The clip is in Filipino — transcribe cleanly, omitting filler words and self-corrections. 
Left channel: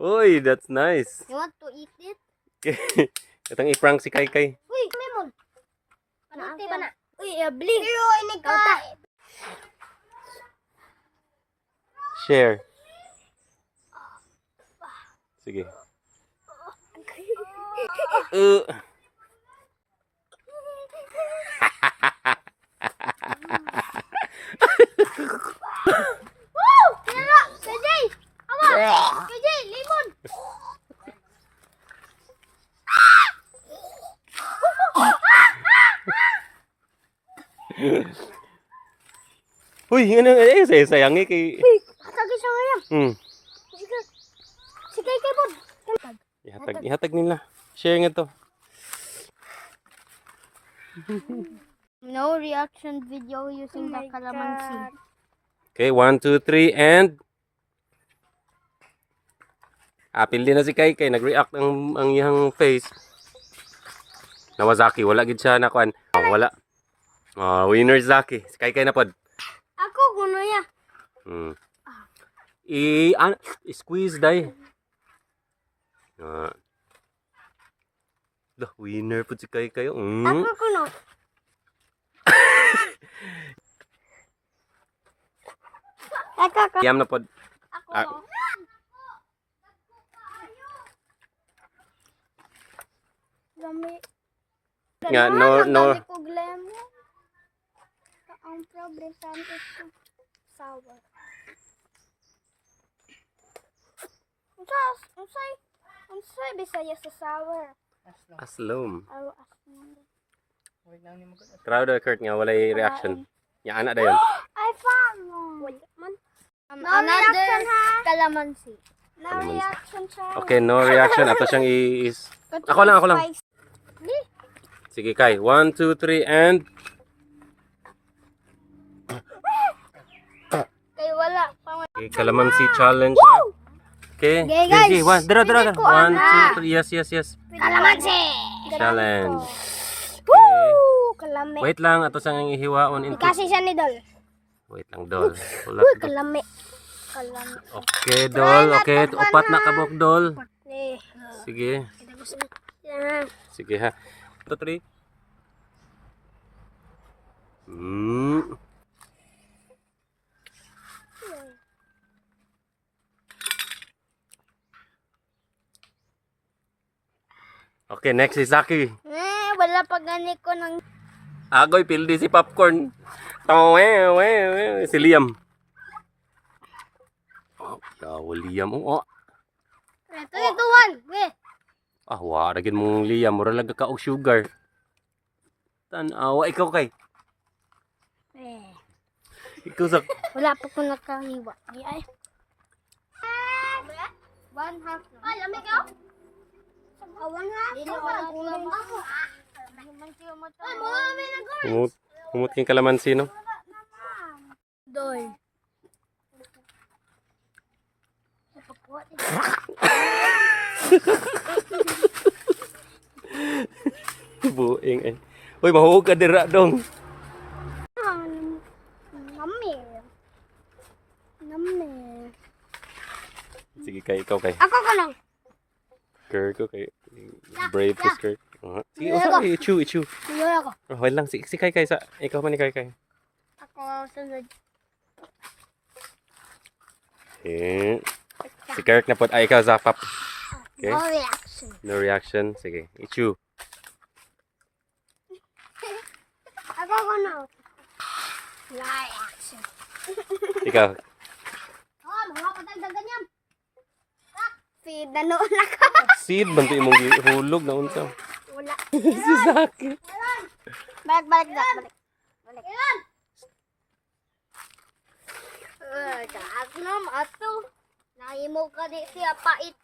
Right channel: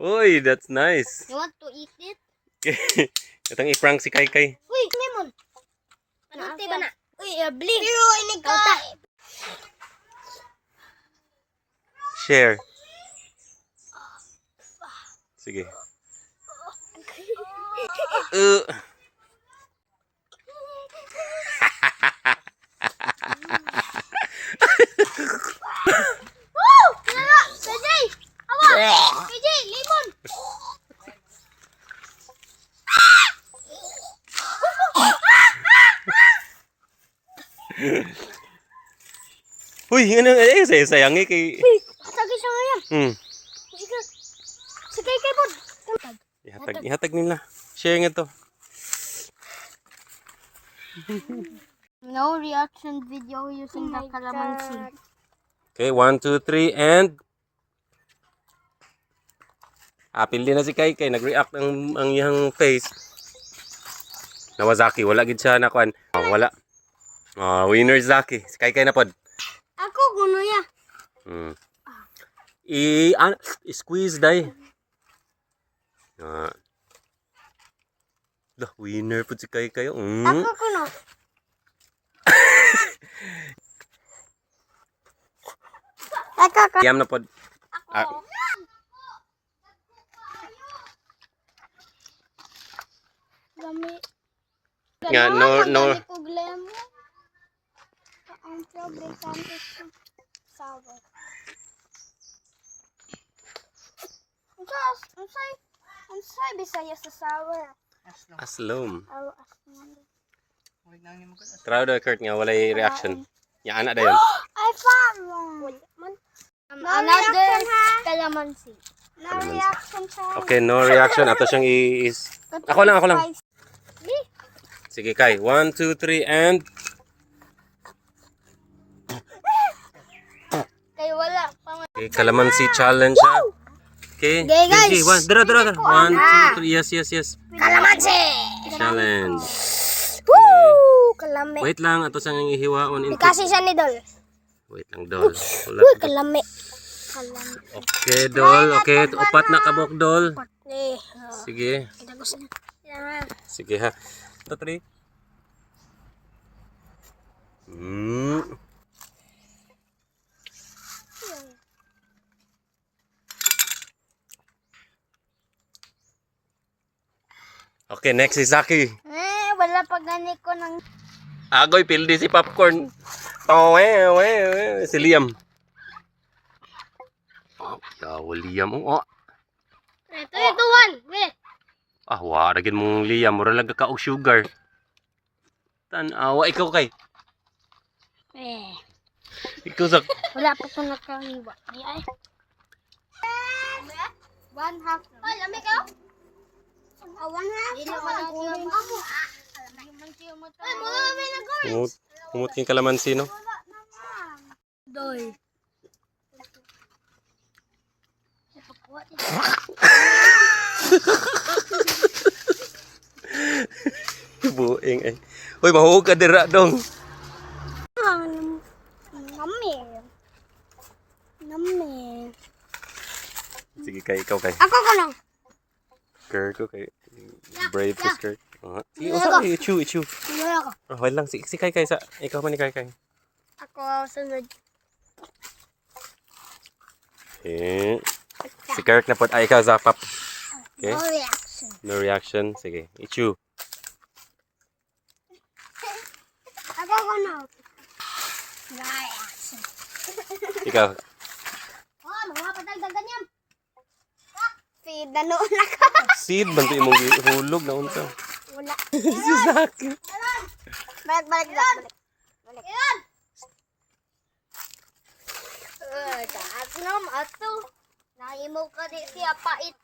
Uy, that's nice. You want to eat it? Itang i-prank si Kai. Uy, lemon. Ano ba na? Uy, bli. Pero inigkauta. Share. Sige. Woo! Kaya CJ! Awa! CJ, lemon! Uy, ano sayangi kay. Uy, hatagi siya ngayon. Sige. Sige, kay Bod. Ihatag nila. Share nga to. No reaction video using the calamansi. Okay, 1, 2, 3, and apil din na si Kai. Nag-react ang iyang face. Nawazaki, wala gid siya na kuan. Wala. Winner Zaki. Si Kai na pod. Ako kuno ya. I-squeeze dai. Winner po si Kai. Ako kuno. Ako. Yam na pod. Ako. Lami. Nga, no. Ang problema is sour. Unsay Bisaya sa sour? Aslom. Aslom. Try daw Kurt nga walay reaction. Ya anak dayon. I found one. Another calamansi. No reaction time. Okay, no reaction. Ato siyang Ako lang. Sige Kai. 1, 2, 3, and Kay wala pang okay, calamansi challenge ha. Okay. Okay, guys. Dra. 1, 2, 3. Yes. Calamansi. Challenge. Woo! Kalami. Wait lang, ato sang ihiwaon. Kasi siya ni Dol. Wait lang, Dol. Uy, kalami. Okay, Dol. Okay, upat na kabok, Dol. Sige. Sige ha. 2, 3. Okay, next is Zaki. Wala pa gani ko ng... Agoy, pildi si popcorn. Si Liam. Liam. Ito, one. Waragin mong Liam. Mura lang ka og sugar. Tanawa, ikaw Kay. Ikaw Zak. Wala pa ko nakaniwa. Ay. 1/2. Ay, lamig ka? 1/2. Dili man ako ako. Ay, marami na ko. Humut king kalamansi, no? Doy. Buing ay. Uy, mahuhog ka dira dong. Nami. Sige Kay, ikaw Kay. Ako ka lang. Kurt ko Kay. Brave to skirt. Sige, ichu. Sige ako. Wala lang, si Kay sa. Ikaw man ni Kay. Ako sunod. Okay. Si Kurt na pod. Ay, ikaw Zapap. Okay. No reaction. No reaction. Sige, ichu. Ako ka na. No reaction. Ikaw. Magpapatagdagan yan. Feed na noon ako. Seed, banti mong hulog na unsa. Wala. Si Zaki. Balik. Kaas na, ato. Nahimo ka di siya pait.